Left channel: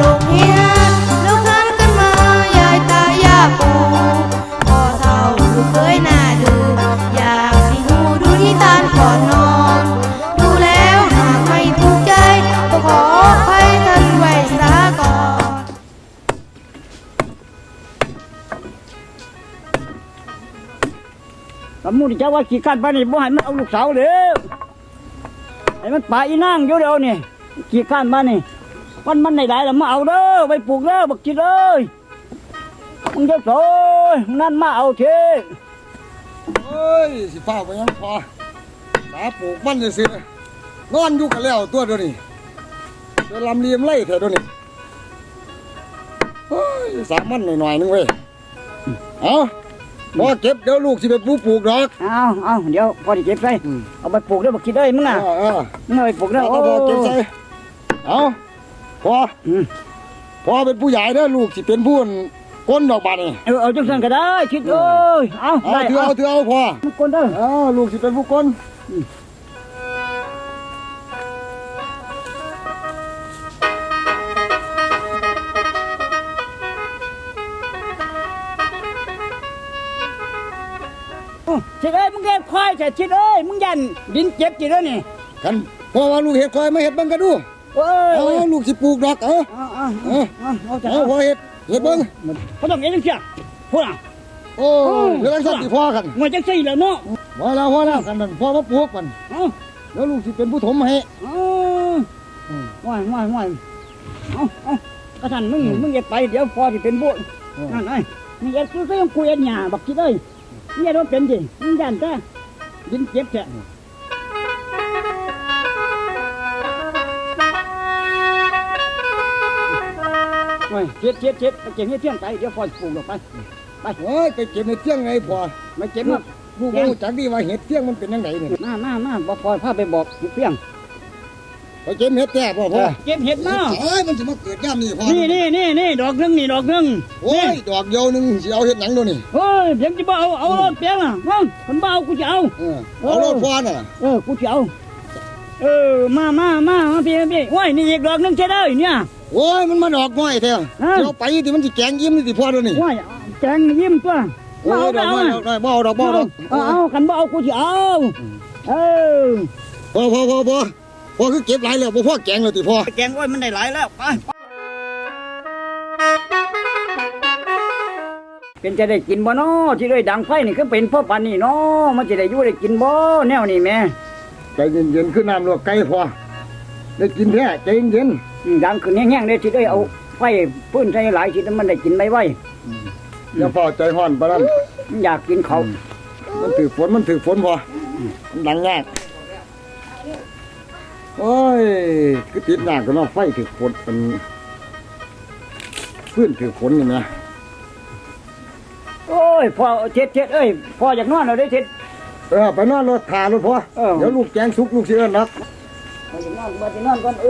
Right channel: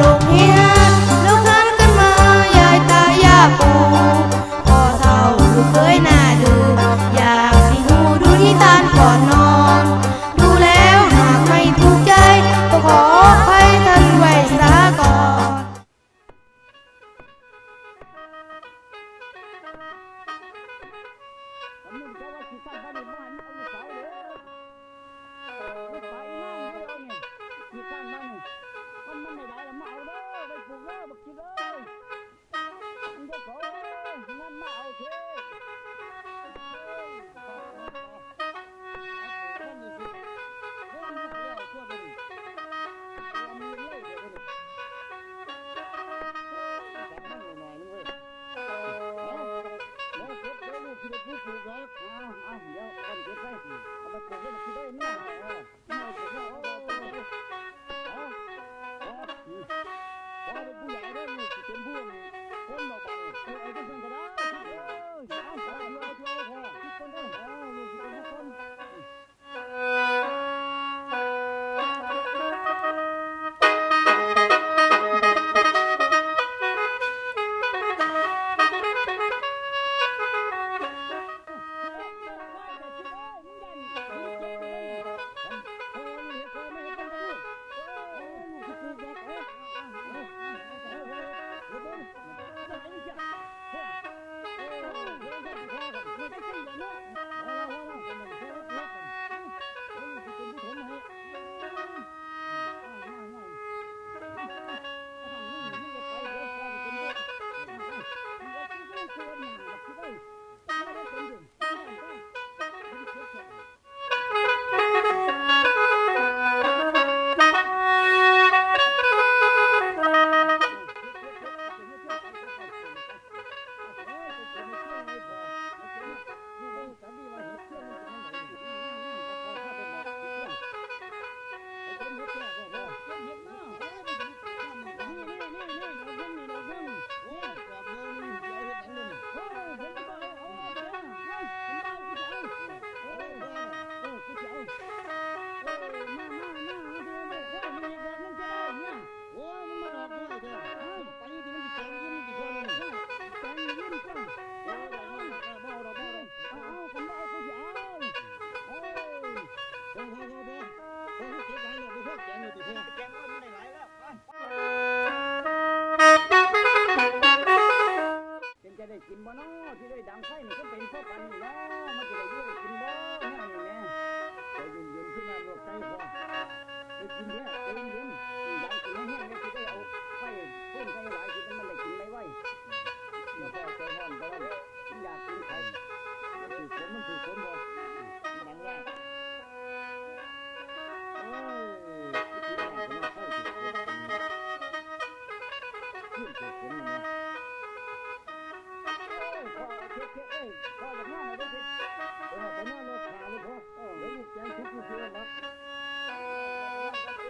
ลูกเฮียลูกหันกันมายายตายาปูพ่อเฒ่าลูกเคยหน่าดู อยากสิหูดูนิทานก่อนนอน ดูแล้วหากไม่ถูกใจก็ขออภัยท่านไว้ซะก่อนสมมุติเจ้าว่าขี้ข้านไปนี่บ่ให้มันเอาลูกสาวเด้อให้มันป่าอีนางอยู่เดี๋ยวนี่ขี้ข้านมานี่ มันมันได้หลายแล้วมาเอาเด้อไปปลูกเด้อบักจิตเอ้ยมึงเจ้าโสยนั่นมาเอาเถอะเฮ้ยสิฟ้าไปยังพอสาปลูกมันจะสินอนอยู่กันแล้วตัวเดียวนี้เดี๋ยวลำเลียมไล่เถอะเดี๋ยวนี้เฮ้ยสามมันหน่อยๆนึงเว้ยเอาพอเก็บเดี๋ยวลูกสิไปปลูกปลูกดอกเอาเอาเดี๋ยวพอดีเก็บใส่อืมเอาไปปลูกเด้อบักจิตเอ้ยมึงเอน่ะอเออมึงเอาไปปลูกเด้อเอาโอ้พอเก็บใส่เอา พออืม พอเป็นผู้ใหญ่เด้อลูกสิเป็นผู้ก้นดอกบานนี่เออเอาจังซั่นก็ได้คิดเอ้ยเอาเอาได้ถือเอาถือเอาพอทุกคนเด้อเอาลูกสิเป็นผู้ก้นจิตเอ้ยมึงเก็บควายแต่จิตเอ้ยมึงยันดินเจ็บจิตเอ้ยนี่กันพอว่าลูกเห็ดคอยไม่เห็ดเบังกันดู เอ้ยเอาลูกสิปลูกดอกเอาเอาเอาเอาเอาจะเอาพอเห็ดเห็ดเบิ้งเขาต้องเอ็นจังเสียพูดอะโอ้เรื่องสัตว์ที่พ่อกันมันจังสี่แล้วเนาะพอแล้วพอแล้วกันนั่นพ่อมาปลูกกันเอาแล้วลูกสิเป็นผู้ถมให้เอาว่ายว่ายว่ายเอาเอากระสันมึงมึงอย่าไปเดี๋ยวพอที่เป็นบุญนั่นไงมึงอย่าซื้อเสื้อคุยอันหยาบักคิดเอ้ยเนี่ยรถเป็นดิมึงยันแต่ดินเจ็บแฉ เจ็บเจ็บเจ็บไปเจ็บให้เที่ยงไปเดี๋ยวพอปลูกลงไปโอ้ยไปเก็บในเที่ยงไงพ่อไม่เจ็บมากลูกรู้จักดีว่าเห็ดเที่ยงมันเป็นยังไงนี่มามามาบอกพอพาไปบอกเพียงไปเก็บเห็ดแก่พ่อพ่อเก็บเห็ดมาเอ้ยมันจะมาเกิดย่ามนี่พ่อนี่นี่นี่นี่ดอกหนึงนี่ดอกหนึงโอ้ยดอกเดียวหนึงสิเอาเห็ดหนังดูนี่เฮ้ยเพียงจะบ่เอาเอารถเพียงอะว่าคนบ่เอากูจะเอาเออเอารถพ่อน่ะเออกูจะเอาเออมามามามาพี่พี่ว้ายนี่อีกดอกหนึงใช่ได้เนี่ย โอ้ยมันมาดอกน้อยแท้เอ้าเดี๋ยวไปที่มันสิแกงยิ้มนี่สิพ่อดูนี่ว้ายแจงยิ้มตัวโอ้มายเอาดไปอกเอาน้อยอะดอกน้อยบ่เอาดอกบ่เอาดอกเอาเอาคันบ่เอากูจะเอาเออพ่อพ่อพ่อพ่อพ่อคือเก็บหลายแล้วบ่พ่อแกงแล้วติพ่อ แกงอ้อยมันได้หลายแล้วไปเป็นจะได้กินบ่เนาะที่ได้ดังไฟนี่คือเป็นพ่อปันนี่เนาะมันจะได้อยู่ได้กินบ่แนวนี้แม่ใจเย็นๆขึ้นน้ำลวกไก่พ่อ ได้กินแท้ใจเย็นอืมดังขึ้นแห้งๆเลยที่ได้เอาไฟพื้นใส่หลายทีนั้นมันได้กินไม่ไหวๆอย่าพ่อใจห้อนปานนั้นมันอยากกินเขาวมันถือฝนมันถือฝนพอมันดังยากโอ้ยคือติดหนักกันเนาะไฟถือฝนเป็นพื้นถือฝนนี่นะโอ้ยพ่อเท็ดเท็ดเอ้ยพ่ออยากนอนเราได้เท็ด เออไปนอนรถทารถพอเออ เดี๋ยวลูกแกงสุกลูกเสือนัก เอาอยากนอนมาจะนอนก่อนเอ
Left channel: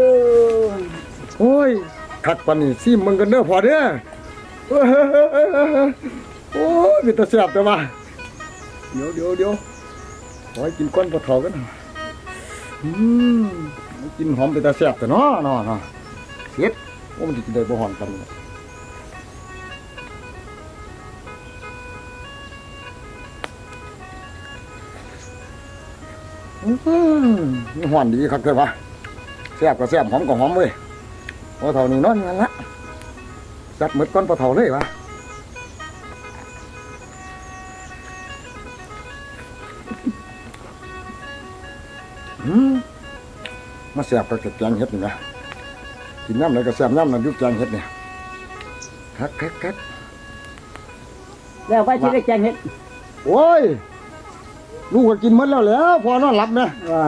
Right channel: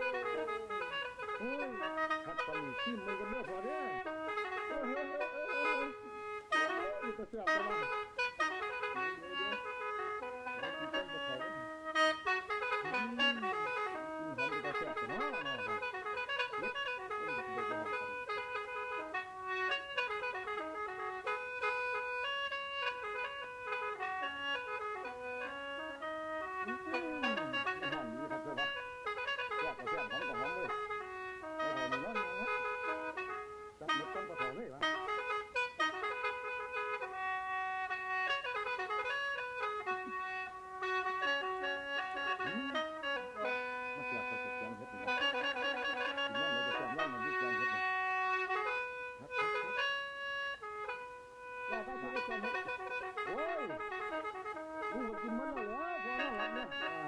อโอ้ยคักปานนี่ซิมมึงกันเด้อพอเด้อเอ้ยโอ้ยมีแตะเสียบแต่ว่าเดี๋ยวเดี๋ยวเดี๋ยวขอให้กินก้อนปลาเถากันอืมกินหอมไป็นตาเสียบแต่เนาะเนาะเนาะเฮ็ดโอ้มันจะกินได้บ่หอมกันเนี่ หวานดีครับเกิดว่าแซ่บก็แซ่บหอมก็หอมเว้ยพอเท่านี้เนอนงั้นละจัดหมดก้อนปลาเท่าเลยวะอืมมาแซ่บก็เก็บแกงเห็ดนี่นะกินน้ำไหนก็แซ่บน้ำนั่นอยุบแกงเห็ดเนี่ยคักคักคักแล้วไปที่ได้แกงเห็ดโอ้ย ลูกก็กินหมดแล้วแหล้วพอนอนหลับนะว้า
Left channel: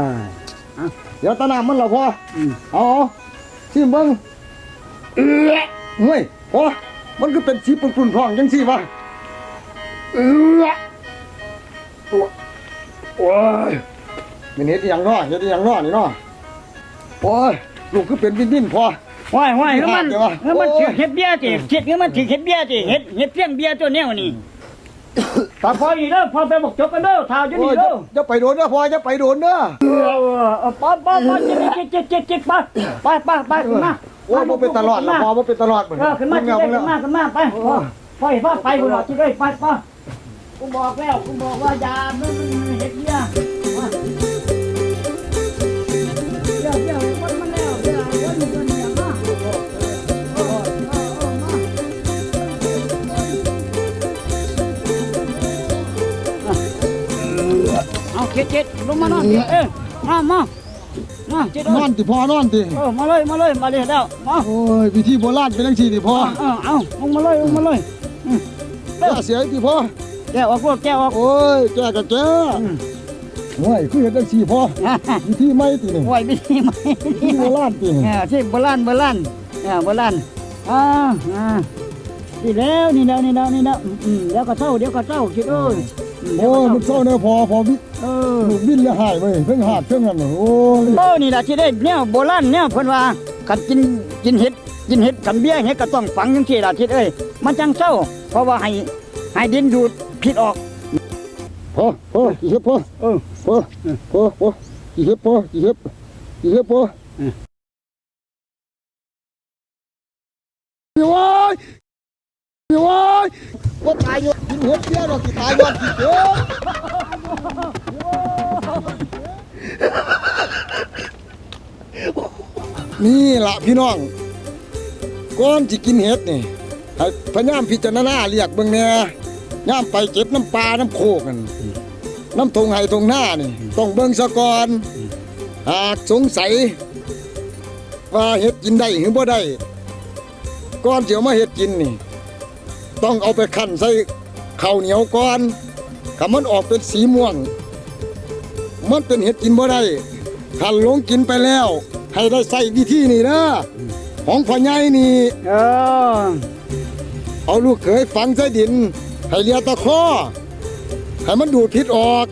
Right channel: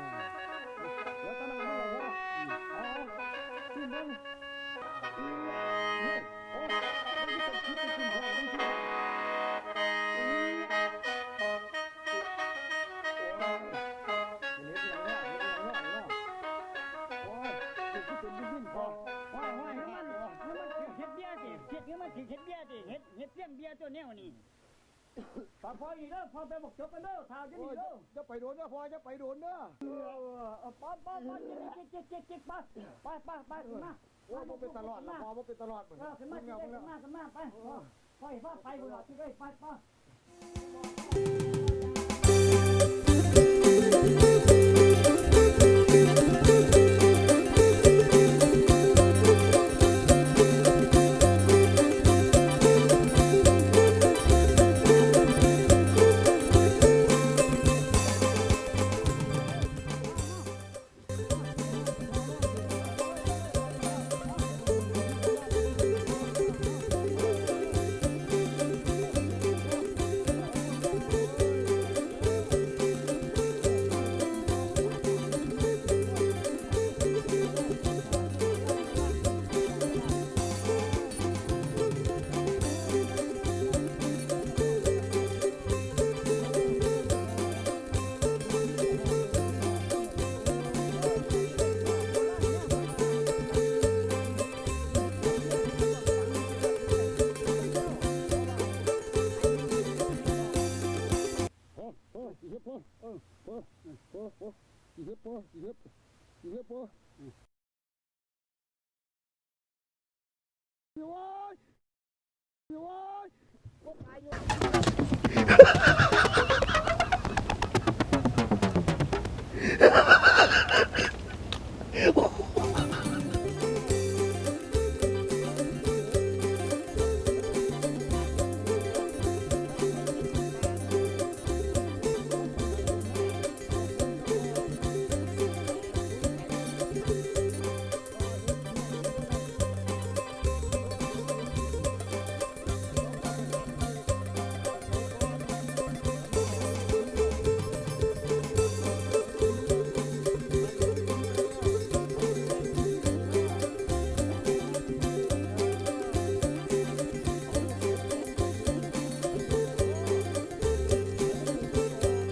เดี๋ยวตาน้ำมันและพออืม เอาเอาชิมเบิ้งเอื้อเฮ้ยพอมันก็เป็นสีปุ่นๆพองจังสิวะเอื้อตัวโอ้ยมันเห็ดอหย่างน้อเห็ดอหย่างน้อนี่น้อโอ้ยลูกก็เป็นดิ้นๆพอ ว้ายว้ายแล้วมันเดี๋ยววะแล้วมันโอ้ยถือเห็ดเบี้ยจีเห็ดนี่มันถือเห็ดเบี้ยจีเห็ดเห็ดเพี้ยงเบี้ยตัวแนวนี่ ตาพออีกเด้อพอไปบอกจบกันเด้อท่าจะโอ้นี่ยเด้อจะไปโดนเด้อพอจะไปโดนเด้อเออเออป้าป้าป้าเจ็ดเจ็ดเจ็ดเจ็ดไปไปไปไปขึ้นมาโอ้ยบ่เป็นตลอดละพอบ่เป็นตลอดเหมือนเออขึ้นมาเงที่เงได้ขึ้นมาขึ้นมาไปพ่อพ่อเห็นว่าไปบุญหรอที่ได้ไปป่ะกูบอกแล้วกูบอกว่าอย่า มามามาเจ็ดนเอ้อยนติพอนอนติเออมาเลยมาเลยมาเลยแล้วมาโอ้ยวิธีโบราณเป็นจังซี่ติพอเอาเอาเอาลงมาเลยลงมาเลยอย่าเสียติพอแก้วออกพวกแก้วออกโอ้ยแกก็แกโอ้ยคือเฮ็ดจังซี่พอวิธีใหม่ตินี่ไหวไม่ได้ไหมวิธีโบราณตินี่เออที่โบราณโบราณเออโบราณอ่าอ่านี่แล้วนี่แล้วนี่แล้วนี่แล้วอืมเดี๋ยวก็เท่าเดี๋ยวก็เท่าคิดเอ้ย โอ้ยมันเศร้าเด้อพอพอวิเออวินอย่าหายเว้ยเพิ่งหาดเพิ่งนั่นน่ะโอ้ยเออนี่แหละที่ได้เนี่ยโบราณเนี่ยเพิ่นว่ากันกินกินเห็ดกินเห็ดกันเบี้ยเห็ดก็ต้องฝังจังซี่ล่ะทิศเอ้ยมันจังเศร้า เพราะว่าให้ให้ดินดูดพิษออกพอพอกี่เฮ็ดพอเออพอพอพอกี่เฮ็ดพอกี่เฮ็ดกี่เฮ็ดพอ อืม พี่วายพี่วายว่ายอยู่กินเฮ็ดเบี้ยดอกสิตายบ่เอ้ยนี่ล่ะพี่น้องก่อนสิกินเห็ดนี่ให้พยายามพิจารณาเรียกเบิ่งแหน่ย่ามไปเก็บน้ำปลาน้ำโคกัน น้ำทงไห้ทงหน้านี่ต้องเบิ่งซะก่อนหากสงสัย ว่าเห็ดกินได้หรือบ่ได้ก่อนสิเอามาเห็ดกินนี่ ต้องเอาไปคั่นใส่ข้าวเหนียวก่อนถ้ามันออกเป็นสีม่วง มันเป็นเห็ดกินบ่ได้ถ้าหลงกินไปแล้ว ให้ได้ใส่วิธีนี่นะของพ่อใหญ่นี่เออเอาลูกเขยฝังใส่ดิน ให้เลียตะข้อให้มันดูดพิษออก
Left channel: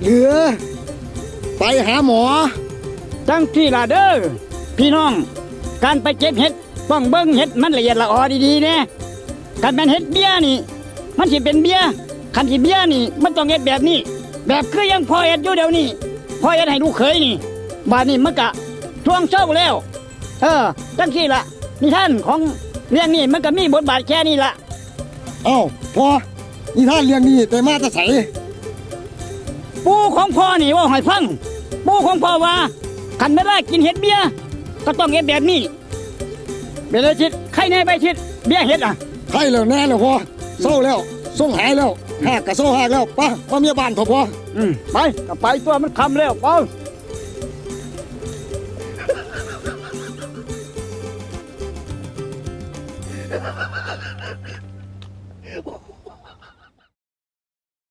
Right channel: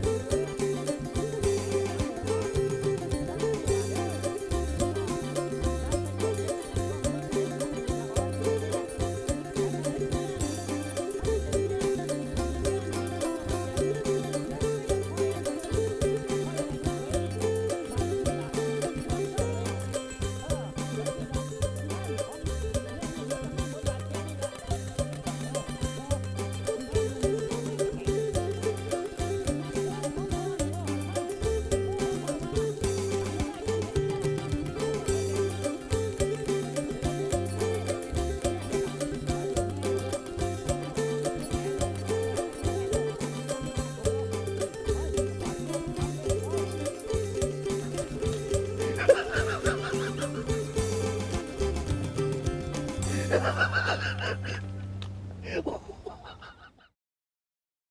เหลือ ไปหาหมอจังที่ล่ะเด้อพี่น้อง การไปเก็บเห็ดต้องเบิ่งเห็ดมันละเอียดละออดีๆเนี่ย การเป็นเห็ดเบี้ยนี่ มันสิเป็นเบี้ยคันสิเบี้ยนี่ มันต้องเฮ็ดแบบนี้ แบบคือยังพอเฮ็ดอยู่เดี๋ยวนี้พอเฮ็ดให้ลูกเขยนี่บาดนี้มันกะทวงเช้าแล้ว เออจังที่ละนิทานของเรื่องนี้มันก็มีบทบาทแค่นี้ละเอ้าพอนี่ท่านเรื่องนี้แต่มาจะใสปู่ของพ่อนี่ว่าให้ฟังปู่ของพ่อว่าคันไม่ได้กินเห็ดเบี้ยก็ต้องเฮ็ดแบบนี้เบลชิดใครแน่ไปชิดเบี้ยเห็ดอะ ใช่แล้วแน่แล้วพอเศร้าแล้วส่งหายแล้วหากกะเศร้าหากแล้วไป้าป้าเมียบ้านพอพออืมไปก็ไปตัวมันคำแล้วไป